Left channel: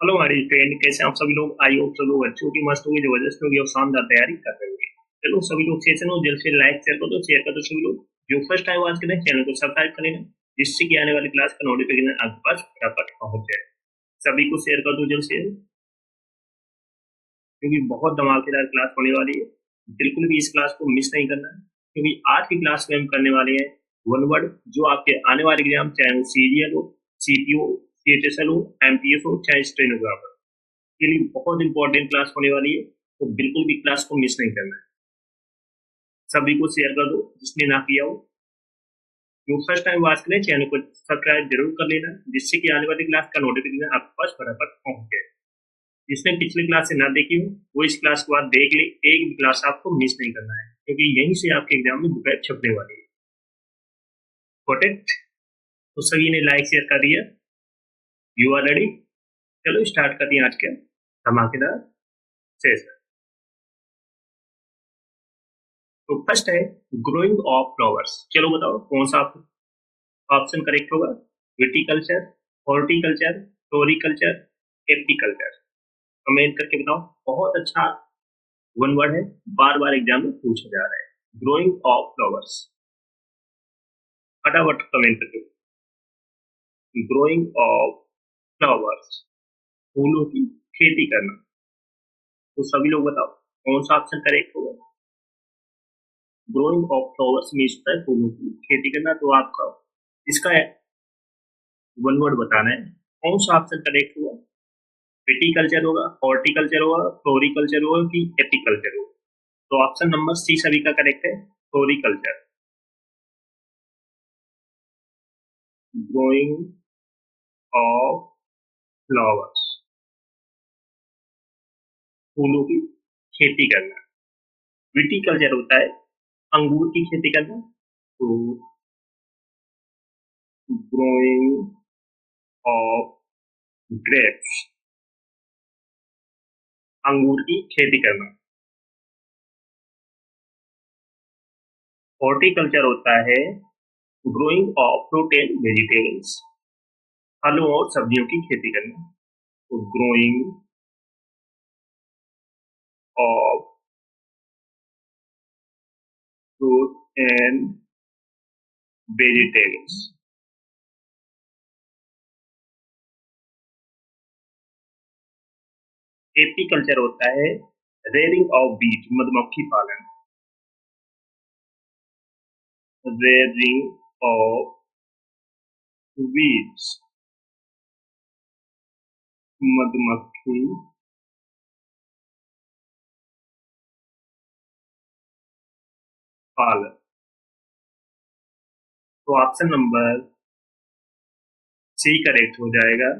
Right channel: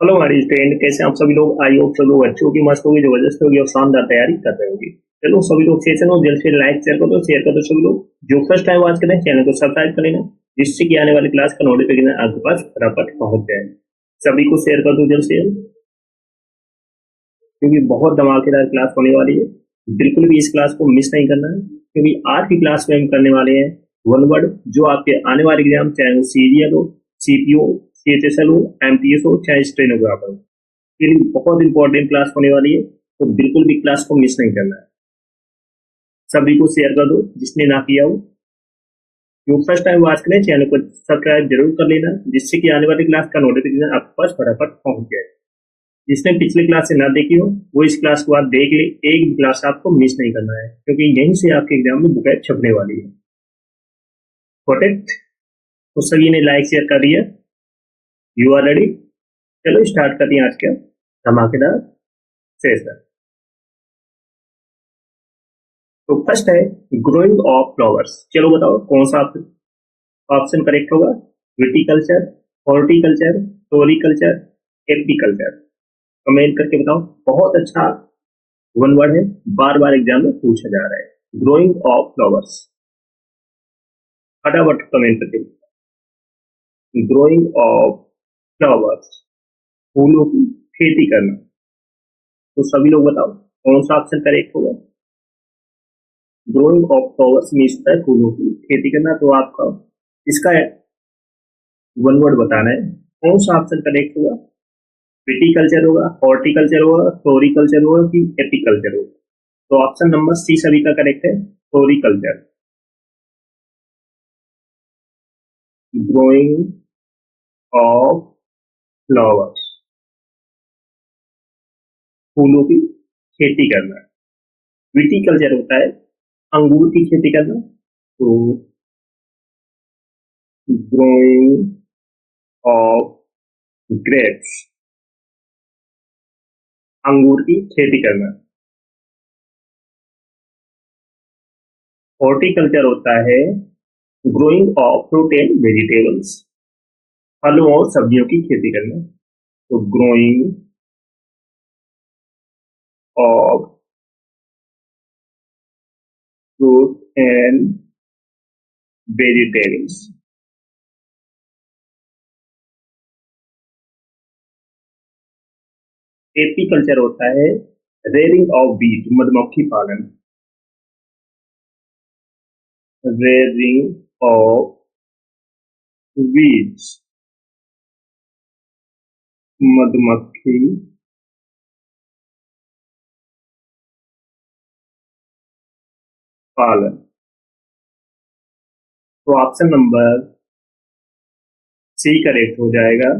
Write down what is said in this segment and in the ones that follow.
Hello हमारी friend, कैसे हैं आप सभी लोग। आई होप सब लोग अच्छे होगी, मस्त होगी, जबरदस्त होगी और शानदार तैयारी कर रहे होंगे। चलो सभी लोग सेशन हो, जल्द से लाइक शेयर कर दो सभी लोग। जो फर्स्ट टाइम वॉच करें चैनल को सब्सक्राइब कर लेना, जिससे कि आने वाली क्लास का नोटिफिकेशन आपके पास फटाफट पहुंच जाए। सभी को शेयर कर दो जल्द से जल्द, क्योंकि बहुत धमाकेदार क्लास होने वाली है। बिल्कुल भी इस क्लास को मिस नहीं करना है, क्योंकि आज की क्लास में हम करने वाले हैं वन वर्ड, जो आपके आने वाले एग्जाम, चाहे वो सीजीएल हो, सीपीओ, सीएचएसएल हो, एमटीएस हो, चाहे स्टेनोग्राफर, के लिए बहुत इंपॉर्टेंट क्लास होने वाली है। तो बिल्कुल भी क्लास को मिस नहीं करना है। सभी को शेयर कर दो जिसने ना किया हो। जो फर्स्ट टाइम वॉच करें चैनल को सब्सक्राइब जरूर कर लेना, जिससे कि आने वाली क्लास का नोटिफिकेशन आपके पास फटाफट पहुंच जाए। जिसने पिछली क्लास से ना देखी हो वो इस क्लास के बाद देख ले। एक भी क्लास आपको मिस नहीं करना है, क्योंकि यहीं से आपके एग्जाम में बुकैट छपने वाली है। Got it? तो सभी ने लाइक शेयर कर दिया। You are ready? चलो स्टार्ट करते हैं आज का धमाकेदार सेशन। तो फर्स्ट है ग्रोइंग ऑफ फ्लावर्स। चलो बताओ कौन सा ऑप्शन करेक्ट होगा। Viticulture, horticulture, floriculture, apiculture. Comment करके बताओ। बहुत अच्छा वन वर्ड है, बार बार एग्जाम में पूछा जा रहा है। ग्रोइंग ऑफ फ्लावर्स, फटाफट कमेंट करके। ग्रोइंग ऑफ फ्लावर्स, फूलों की खेती करना। तो सभी लोग बताओ कौन सा ऑप्शन करेक्ट होगा। ग्रोइंग ऑफ फ्लावर्स मीन्स होता है फूलों की खेती करना। तो आपका इसका वन वर्ड बताना है, कौन सा ऑप्शन करेक्ट होगा। विटिकल्चर होगा, हॉर्टिकल्चर होगा, फ्लोरिकल्चर होगा कि एपिकल्चर होगा। तो ऑप्शन नंबर सी सभी का करेक्ट है, फ्लोरिकल्चर। ग्रोइंग ऑफ फ्लावर्स, फूलों की खेती करना। विटिकल्चर होता है अंगूर की खेती करना। तो ग्रोइंग ऑफ ग्रेप्स, अंगूर की खेती करना। हॉर्टिकल्चर होता है growing of fruit and vegetables, फलों और सब्जियों की खेती करना। तो growing of fruit and vegetables. Apiculture होता है रेयरिंग ऑफ बीज, मधुमक्खी पालन। रेयरिंग ऑफ बीज, मधुमक्खी पालन। तो ऑप्शन नंबर सी करेक्ट हो जाएगा,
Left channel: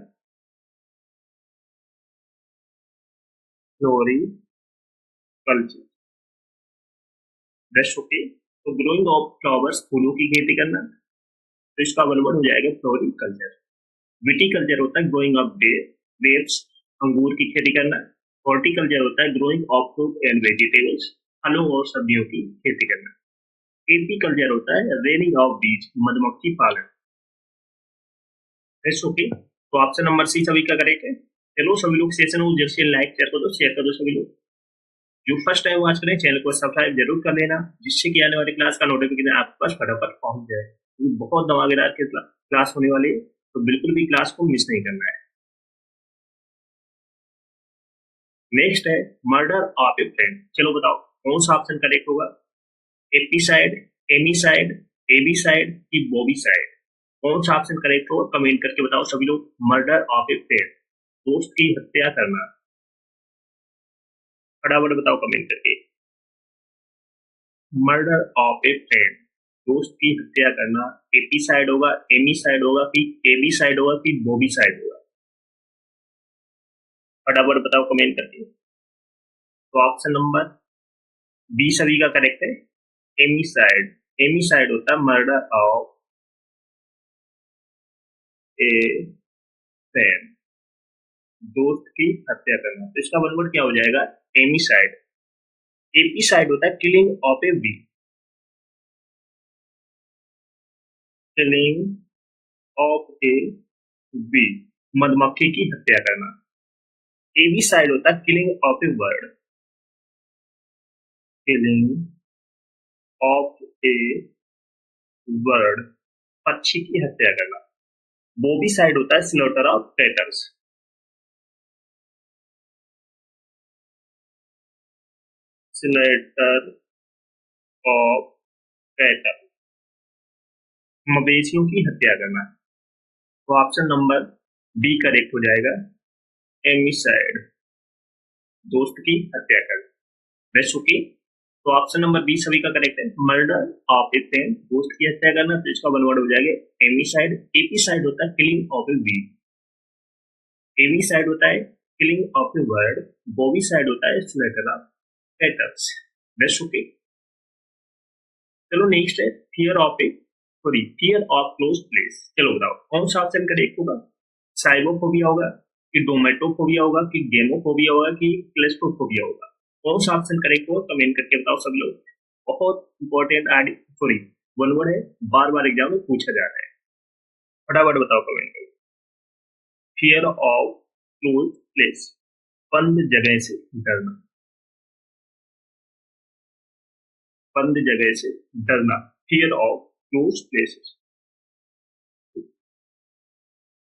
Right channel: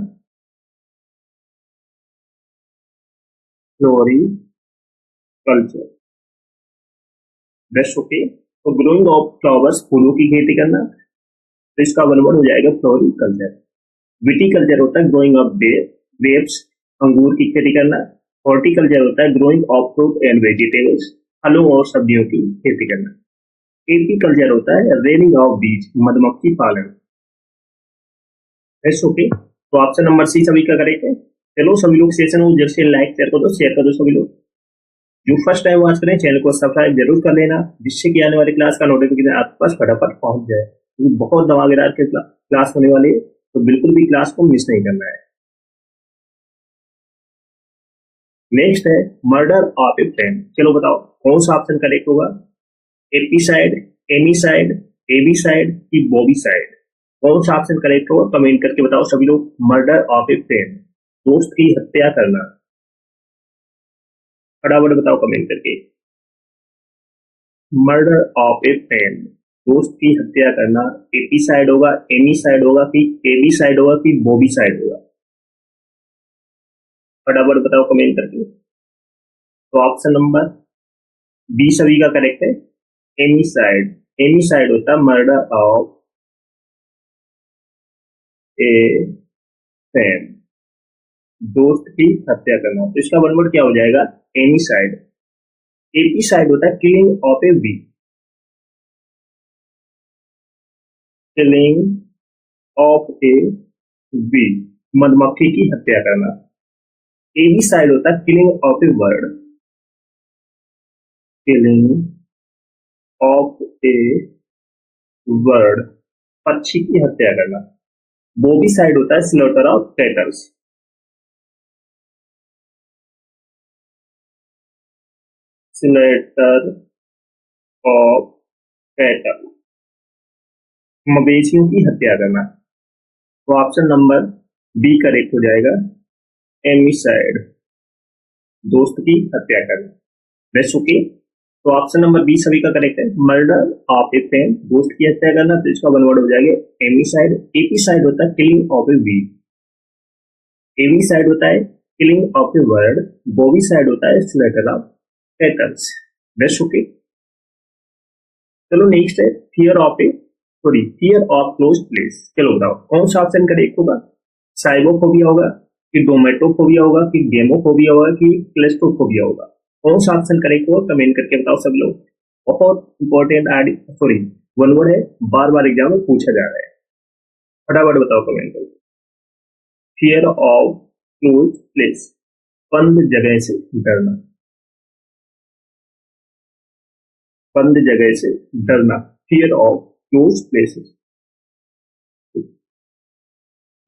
फ्लोरिकल्चर। Best okay. तो ग्रोइंग ऑफ फ्लावर्स, फूलों की खेती करना। तो इसका वन वर्ड हो जाएगा फ्लोरिकल्चर। विटिकल्चर होता है ग्रोइंग ऑफ ग्रेप्स, अंगूर की खेती करना। हॉर्टिकल्चर होता है growing of fruit and vegetables, फलों और सब्जियों की खेती करना। एपीकल्चर होता है रेनिंग ऑफ बीज, मधुमक्खी पालन। Best okay. तो ऑप्शन नंबर सी सभी का करेक्ट है। चलो सभी लोग सेशन हो, जल्द से लाइक शेयर कर दो सभी लोग। जो फर्स्ट टाइम वॉच करें चैनल को सब्सक्राइब जरूर कर लेना, जिससे कि आने वाली क्लास का नोटिफिकेशन आपके पास फटाफट पहुंच जाए, क्योंकि बहुत धमाकेदार के क्लास होने वाली है। तो बिल्कुल भी क्लास को मिस नहीं करना है। नेक्स्ट है मर्डर ऑफ ए फ्रेंड। चलो बताओ कौन सा ऑप्शन करेक्ट होगा। एपीसाइड, एमीसाइड, एबीसाइड की बॉबीसाइड। कौन सा ऑप्शन करेक्ट होगा, कमेंट करके बताओ सभी लोग। मर्डर ऑफ ए फ्रेंड, दोस्त की हत्या करना। फटाफट बताओ कमेंट करके। मर्डर ऑफ ए फ्रेंड, दोस्त की हत्या करना। एपीसाइड होगा, एमीसाइड होगा कि एबीसाइड होगा कि बॉबीसाइड होगा। फटाफट बताओ कमेंट करके। तो ऑप्शन नंबर बी सभी का करेक्ट है, एमीसाइड। एमीसाइड होता है मर्डर ऑफ ए फ्रेंड, दोस्त की हत्या करना। तो इसका वन वर्ड क्या हो जाएगा, एमीसाइड। एपीसाइड होता है killing of a bee, killing of a bee, मधुमक्खी की हत्या करना। एबी साइड होता है killing of a bird, killing of a bird, पक्षी की हत्या करना। बोबी साइड होता है slaughter of cattles, slaughter of cattle, मवेशियों की हत्या करना। तो ऑप्शन नंबर बी करेक्ट हो जाएगा, एमिसाइड, दोस्त की हत्या करना। बेस्ट ओके, तो ऑप्शन नंबर बी सभी का करेक्ट है, मर्डर ऑफ ए फ्रेंड, दोस्त की हत्या करना, तो इसका वन वर्ड हो जाएगा एमिसाइड। एपीसाइड होता है killing of a weed, avicide होता है killing of a bird, bovicide होता है slaughter of cattles. Best okay, चलो नेक्स्ट है fear of a sorry fear of close places. चलो बताओ कौन सा ऑप्शन करेक्ट होगा, साइबोफोबिया होगा कि डोमेटोफोबिया होगा कि गेमोफोबिया होगा कि क्लेस्ट्रोफोबिया होगा। कौन सा ऑप्शन करेक्ट होगा कमेंट करके बताओ सब लोग। बहुत इंपॉर्टेंट सॉरी वन वर्ड है, बार बार एग्जाम में पूछा जा रहा है, फटाफट बताओ कमेंट करके। फियर ऑफ क्लोज प्लेस, बंद जगह से डरना, बंद जगह से डरना, फियर ऑफ क्लोज प्लेसेस।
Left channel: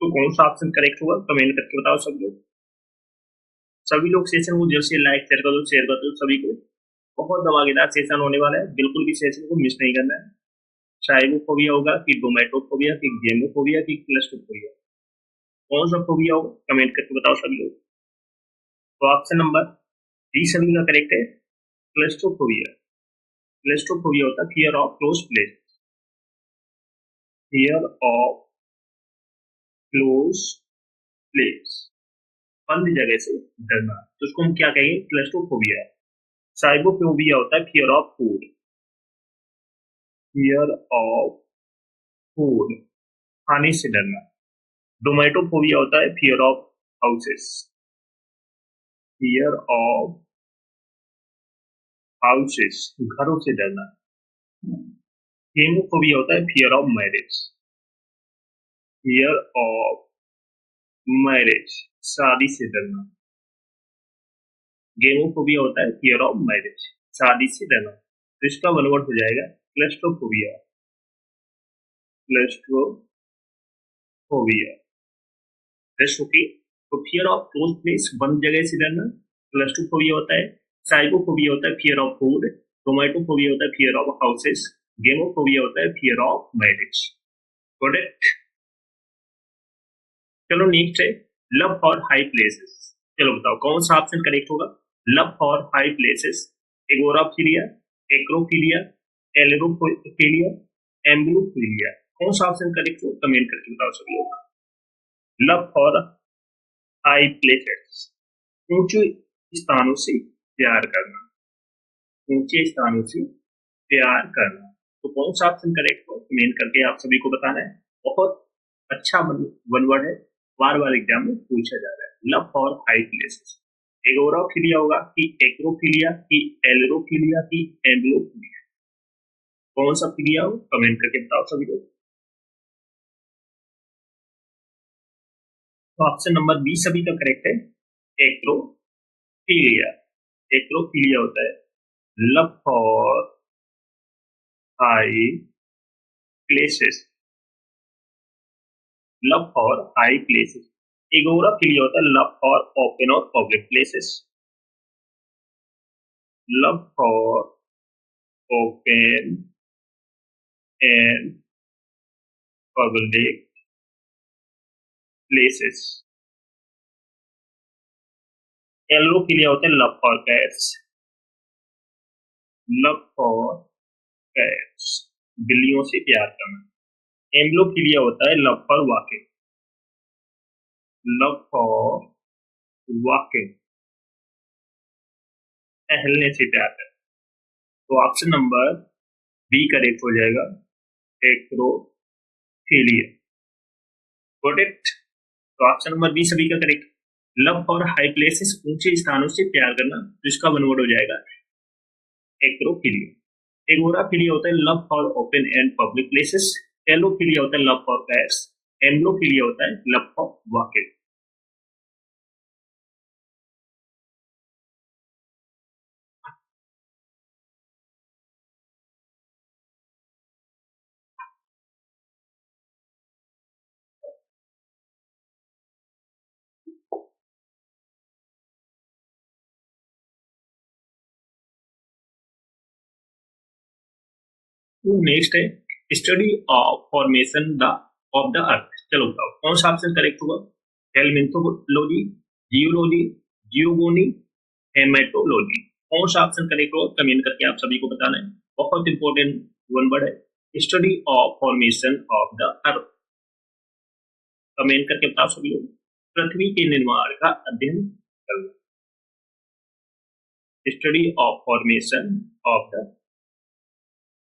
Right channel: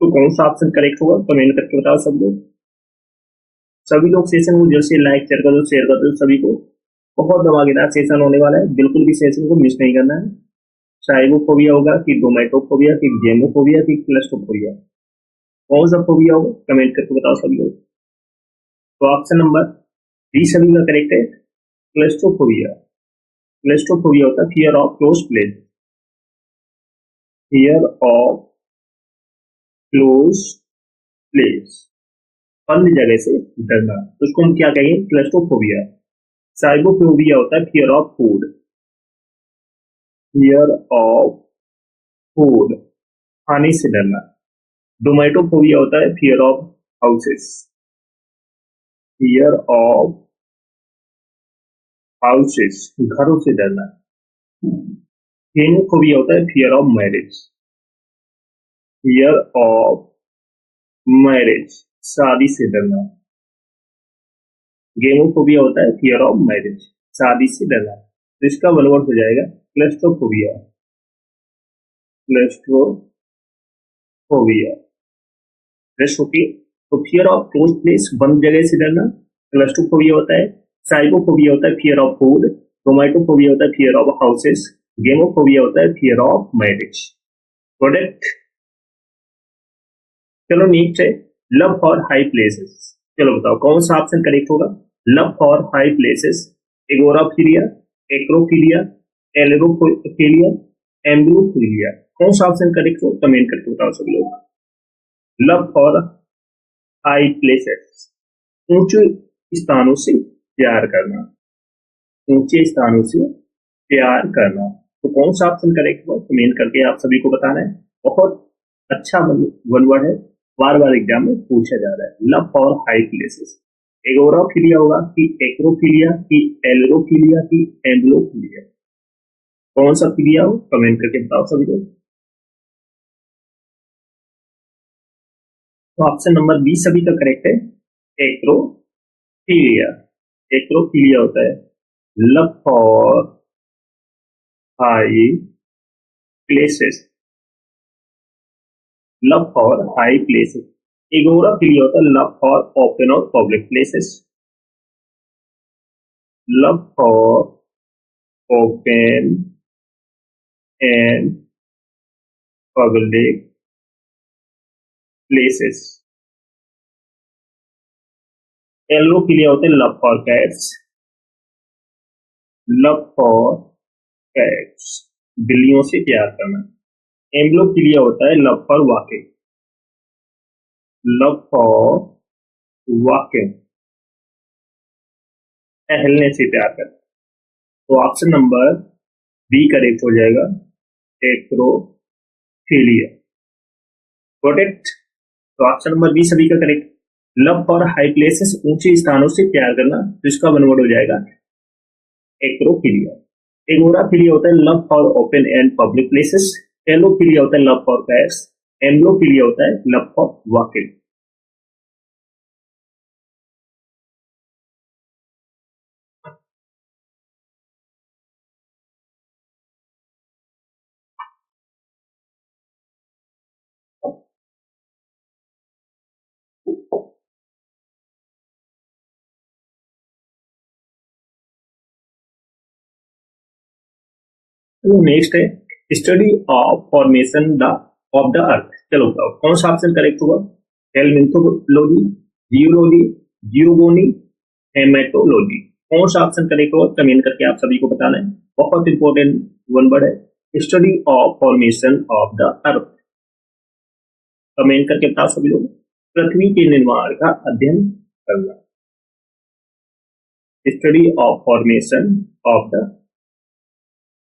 तो कौन सा ऑप्शन करेक्ट होगा कमेंट करके बताओ सब लोग। सभी लोग सेशन को जल्द से लाइक शेयर कर दो सभी को, बहुत धमाकेदार सेशन होने वाला है, बिल्कुल भी सेशन को मिस नहीं करना है। साइबोफोबिया होगा कि डोमेटोफोबिया कि गेमोफोबिया कि क्लस्ट्रोफोबिया, कौन सा फोबिया होगा कमेंट करके बताओ सभी लोग। तो ऑप्शन नंबर डी सभी का करेक्ट है, क्लस्ट्रोफोबिया। क्लस्ट्रोफोबिया होता है fear of close place, fear of close place, बंद जगह से डरना, तो उसको हम क्या कहेंगे क्लस्ट्रोफोबिया। साइबोफोबिया होता है fear of food, fear of food, खाने से डरना। डोमेटोफोबिया होता है fear of houses, fear of houses, घरों से डरना। हेमोफोबिया होता है fear of marriage, fear of marriage, शादी से डरना। गेमोफोबिया होता है फियर ऑफ मैरिज, शादी से डरना, तो इसका वन वर्ड हो जाएगा क्लस्ट्रोफोबिया, क्लस्ट्रोफोबिया। रेस्ट ओके, तो फियर ऑफ क्लोज प्लेस, बंद जगह से डरना, क्लस्ट्रोफोबिया होता है, साइकोफोबिया होता है फियर ऑफ फूड, टोमेटोफोबिया होता है फियर ऑफ हाउसेस, गेमोफोबिया होता है फियर ऑफ मैरिज। प्रोडक्ट, चलो नेक्स्ट है लव फॉर हाई प्लेसेस। चलो बताओ कौन सा ऑप्शन करेक्ट होगा, लव फॉर हाई प्लेसेस, एगोराफिलिया, एक्रोफिलिया, एलेरोफिलिया, एम्ब्रोफिलिया, कौन सा ऑप्शन करेक्ट हो कमेंट करके बताओ सब लोग। लव फॉर हाई प्लेसेस, ऊंचे स्थानों से प्यार करना, ऊंचे स्थानों से प्यार करना, तो कौन सा ऑप्शन करेक्ट हुआ कमेंट करके आप सभी को बताना है। बहुत अच्छा वन वर्ड है, बार बार एग्जाम में पूछा जा रहा है, लव फॉर हाई प्लेसेस। एगोराफिलिया होगा कि एक्रोफिलिया कि एलरोफिलिया कि एम्ब्लोफिलिया, कौन सा फिलिया हो कमेंट करके बताओ सभी को। तो ऑप्शन नंबर बी सभी का करेक्ट है, एक्रोफिलिया। एक्रोफिलिया होता है love for high places, love for high places. Agoraphilia होता है लव फॉर ओपन और public places, love for open and public places. Ailurophilia होता है love for cats, love for cats, बिल्लियों से प्यार करना। एम्ब्लोफिलिया होता है love for walking, love for walking, टहलने से प्यार करना, तो ऑप्शन नंबर बी करेक्ट हो जाएगा, एक्रोफिलिया। गॉट इट, तो ऑप्शन नंबर बी सभी का correct, love for high places, ऊंचे स्थानों से प्यार करना, तो इसका वन वर्ड हो जाएगा एक्रोफिलिया। एगोराफिलिया होता है love for open and public places, ailurophilia होता है लव फॉर कैट्स, एम्ब्लोफिलिया होता है लव फॉर वॉकिंग। तो नेक्स्ट है study of formation the of the earth. चलो बताओ कौन सा ऑप्शन करेक्ट होगा? Helminthology, geology, geogony, haematology. कौन सा ऑप्शन करेक्ट होगा कमेंट करके आप सभी को बताना है। बहुत इंपॉर्टेंट वन वर्ड है study of formation of the earth. Comment करके बताओ सभी लोग। पृथ्वी के निर्माण का अध्ययन करना, study of formation of the.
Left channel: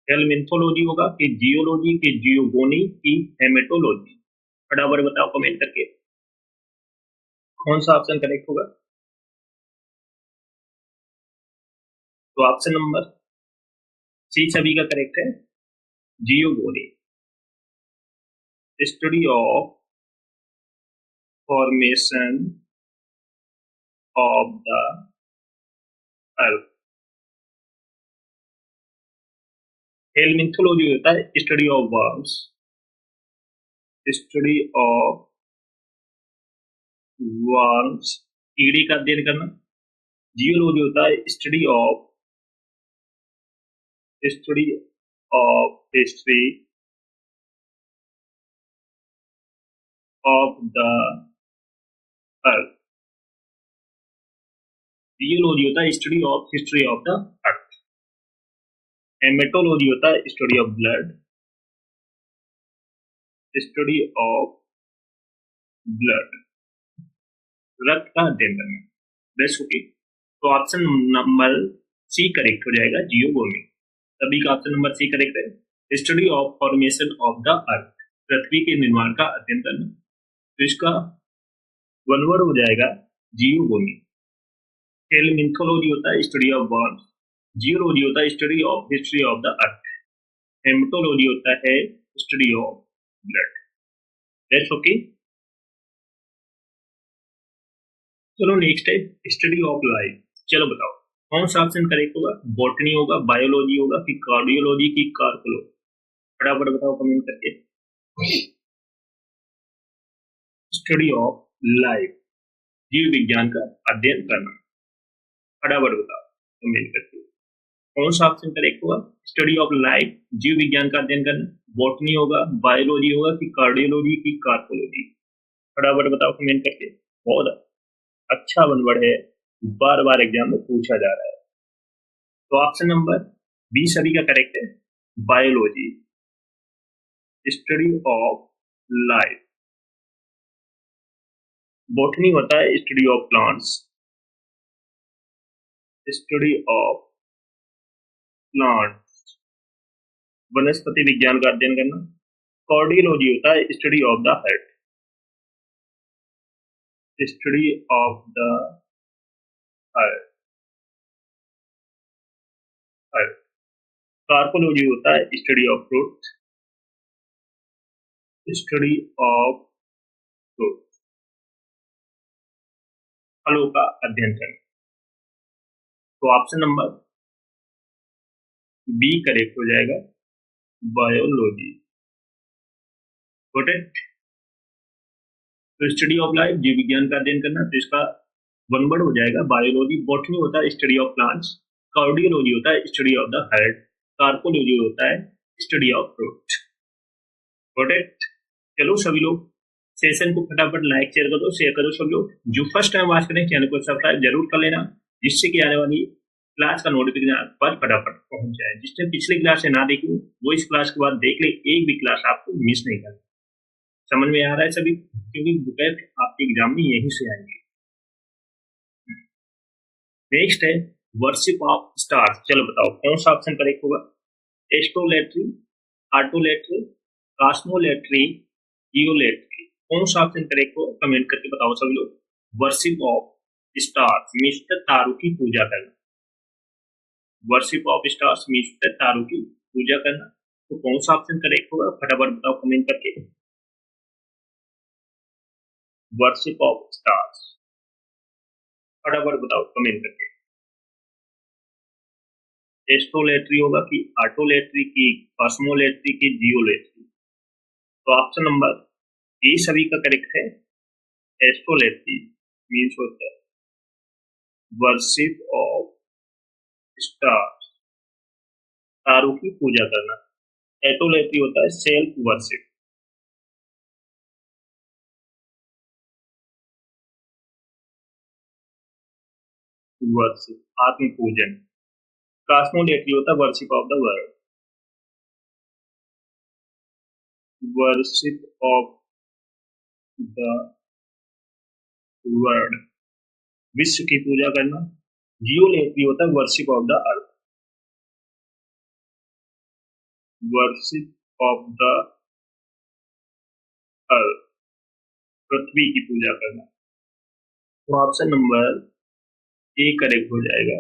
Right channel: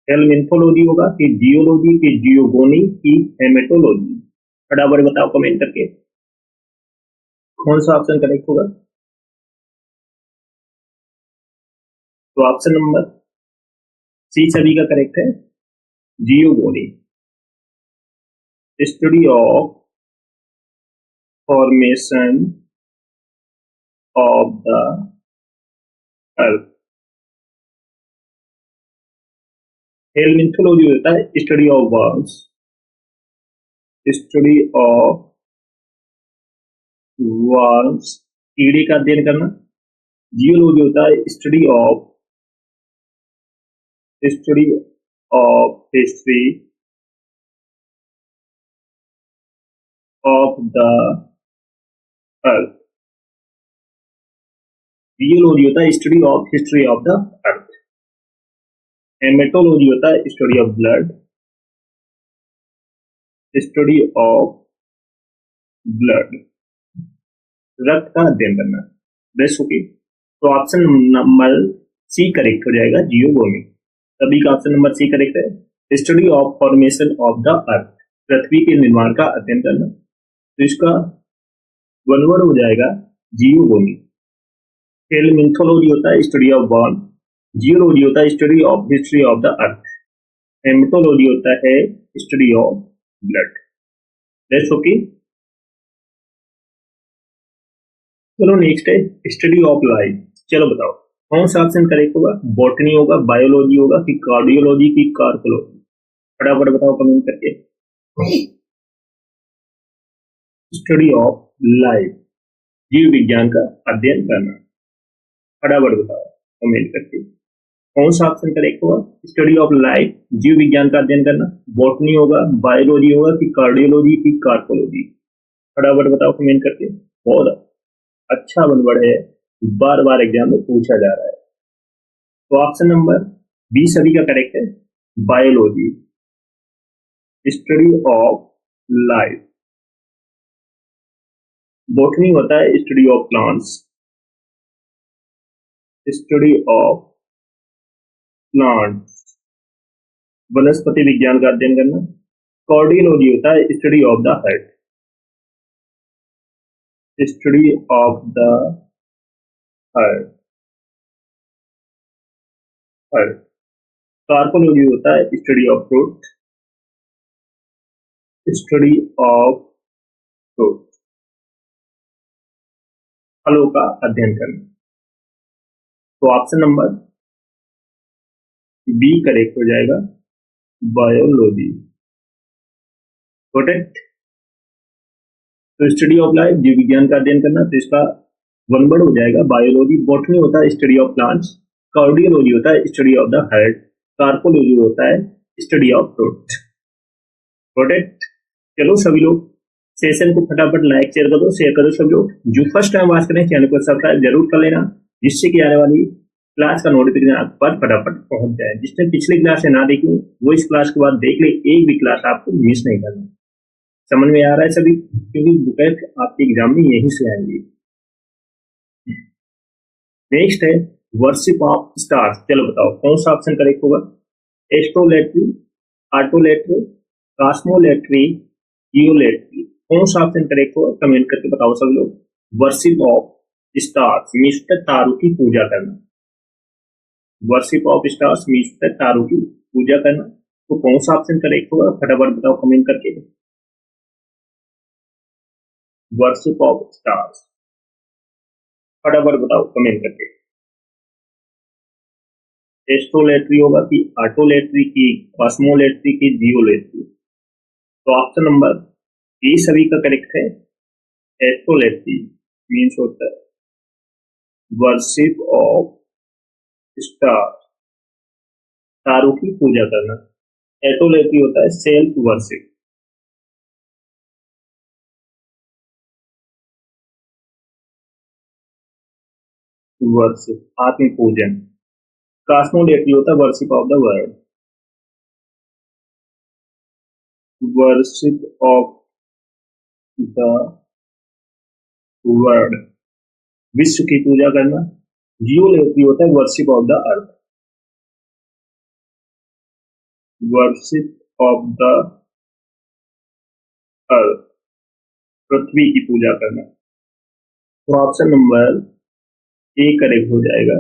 Helminthology होगा कि जियोलॉजी की जियोगोनी की हेमेटोलॉजी? फटाफट बताओ कमेंट करके कौन सा ऑप्शन करेक्ट होगा। तो ऑप्शन नंबर सी सभी का करेक्ट है, geogony, study of formation of the earth. Helminthology होता है study of worms, study of worms, कीड़े का अध्ययन करना। जियोलॉजी होता है study of history of the earth. Geology होता है study of history of the earth. Haematology होता है study of blood, study of blood, रक्त का अध्ययन करना। बेस्ट ओके, तो ऑप्शन नंबर सी करेक्ट हो जाएगा, जियोगोनी। सभी का ऑप्शन नंबर सी करेक्ट है, study of formation of the earth, पृथ्वी के निर्माण का अध्ययन करना। तो इसका वन वर्ड हो जाएगा जियोगोनी। हेलमिंथोलॉजी होता है स्टडी ऑफ वर्म्स, जियोलॉजी होता है study of history of the earth, haematology होता है study of blood. That's okay. चलो नेक्स्ट है स्टडी ऑफ लाइफ। चलो बताओ कौन सा ऑप्शन करेक्ट होगा? बॉटनी होगा, बायोलॉजी होगा कि कार्डियोलॉजी की कार्कोलॉजी? फटाफट बताओ कमेंट करके। स्टडी ऑफ लाइफ, जीव विज्ञान का अध्ययन करना। फटाफट बताओ कमेंट करके कौन सा ऑप्शन करेक्ट होगा? स्टडी ऑफ लाइफ, जीव विज्ञान का अध्ययन करना। बॉटनी होगा, बायोलॉजी होगा कि कार्डियोलॉजी की कार्कोलॉजी? फटाफट बताओ कमेंट करके। बहुत अच्छा वन वर्ड है, बार बार एग्जाम में पूछा जा रहा है। तो ऑप्शन नंबर बी सभी का करेक्ट है, biology, study of life. Botany होता है study of plants, study of plants, वनस्पति विज्ञान का अध्ययन करना। कार्डियोलॉजी होता है study of the heart, study of the heart. Carpology होता है study of fruit, study of fruit, फलों का अध्ययन करना। तो ऑप्शन नंबर बी करेक्ट हो जाएगा, बायोलॉजी। तो स्टडी ऑफ लाइफ, जीव विज्ञान का अध्ययन करना, तो इसका वन वर्ड हो जाएगा बायोलॉजी। बॉटनी होता है स्टडी ऑफ प्लांट्स, कार्डियोलॉजी होता है study of the heart, carpology होता है स्टडी ऑफ फ्रूट। प्रोटेक्ट। चलो सभी लोग सेशन को फटाफट लाइक शेयर कर दो, शेयर करो सब लोग। जो फर्स्ट टाइम वॉच करें चैनल को सब्सक्राइब जरूर कर लेना, जिससे कि आने वाली क्लास का नोटिफिकेशन आप पर फटाफट पहुंच जाए। जिसने पिछली क्लास से ना देखी वो इस क्लास के बाद देख ले, एक भी क्लास आपको मिस नहीं करना। समझ में आ रहा है सभी? क्योंकि बुकेट आपके एग्जाम में यहीं से आएंगे। नेक्स्ट है वर्शिप ऑफ स्टार्स। चलो बताओ कौन सा ऑप्शन करेक्ट होगा? एस्ट्रोलेट्री, आर्टोलेट्री, कॉस्मोलेट्री, जियोलेट्री? कौन सा ऑप्शन करेक्ट होगा कमेंट करके बताओ सभी लोग। वर्शिप ऑफ स्टार्स मीन्स तारों की पूजा करना। वर्शिप ऑफ स्टार्स मीन्स तारों की पूजा करना। तो कौन सा ऑप्शन करेक्ट होगा फटाफट बताओ कमेंट करके। वर्शिप ऑफ स्टार्स, फटाफट बताओ कमेंट करके। एस्ट्रोलेट्री होगा कि आर्टोलेट्री की, कॉस्मोलेट्री की, जियोलेट्री? तो ऑप्शन नंबर ए सभी का करेक्ट है, एस्ट्रोलेट्री मीन्स होता है वर्शिप ऑफ स्टार्स, तारों की पूजा करना। एटोलेट्री होता है सेल्फ वर्शिप। वर्शिप आत्म पूजन। कॉस्मोलेट्री होता है worship of the world. Worship of the world, विश्व की पूजा करना। जियोलेट्री होता है worship of the earth. Worship of the earth, पृथ्वी की पूजा करना। तो ऑप्शन नंबर ए करेक्ट हो जाएगा,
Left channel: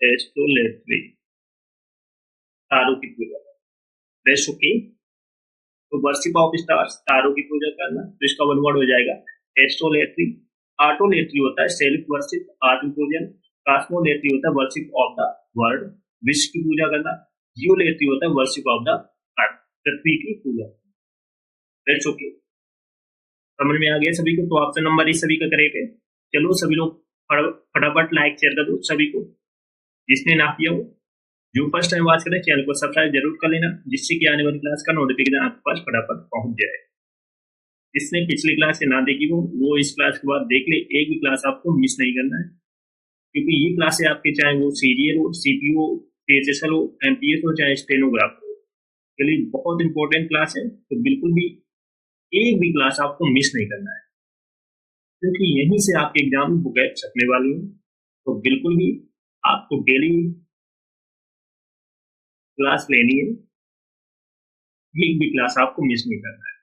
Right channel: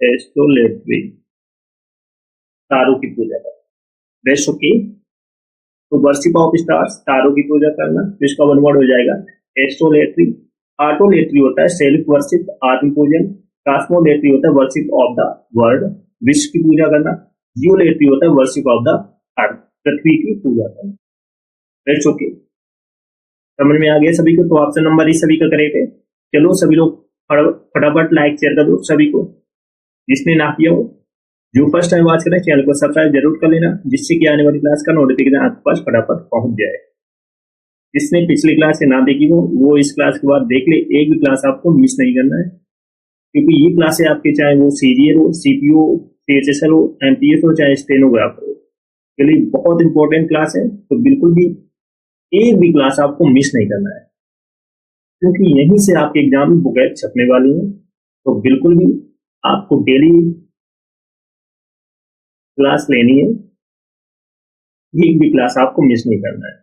एस्ट्रोलेट्री, तारों की पूजा करना। Rest okay. तो वर्शिप ऑफ स्टार्स, तारों की पूजा करना, तो इसका वन वर्ड हो जाएगा एस्ट्रोलेट्री। आटोलेट्री होता है सेल्फ वर्शिप, आत्म पूजन। कॉस्मोलेट्री होता है वर्शिप ऑफ द वर्ल्ड, विश्व की पूजा करना। जियोलेट्री होता है वर्शिप ऑफ द अर्थ, पृथ्वी की पूजा करना। रेस्ट ओके, समझ में आ गया सभी को? तो ऑप्शन नंबर ई सभी का करेक्ट है। चलो सभी लोग फटाफट लाइक शेयर कर दो सभी को, जिसने ना किया हो। जो फर्स्ट टाइम वॉच करें चैनल को सब्सक्राइब जरूर कर लेना, जिससे कि आने वाली क्लास का नोटिफिकेशन आपके पास फटाफट पहुंच जाए। जिसने पिछली क्लास से ना देखी हो वो इस क्लास के बाद देख ले, एक भी क्लास आपको मिस नहीं करना है, क्योंकि ये क्लासें आपके चाहे वो सीरियल हो, सीपीओ, सीएचएसएल हो, एमटीएस हो, चाहे स्टेनोग्राफर हो, के लिए बहुत इंपॉर्टेंट क्लास है। तो बिल्कुल भी एक भी क्लास आपको मिस नहीं करना है, क्योंकि यहीं से आपके एग्जाम में बुकलेट छपने वाली है। तो बिल्कुल भी आपको डेली क्लास लेनी है, एक भी क्लास आपको मिस नहीं करना है।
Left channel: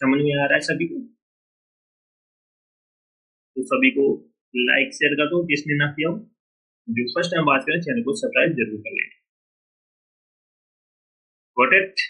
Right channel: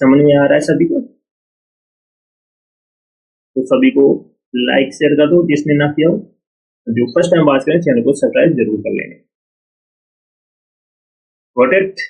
समझ में आ रहा है सभी को? तो सभी को लाइक शेयर कर दो जिसने ना किया हो। जो फर्स्ट टाइम बात करें चैनल को सब्सक्राइब जरूर कर लेंगे। Got it?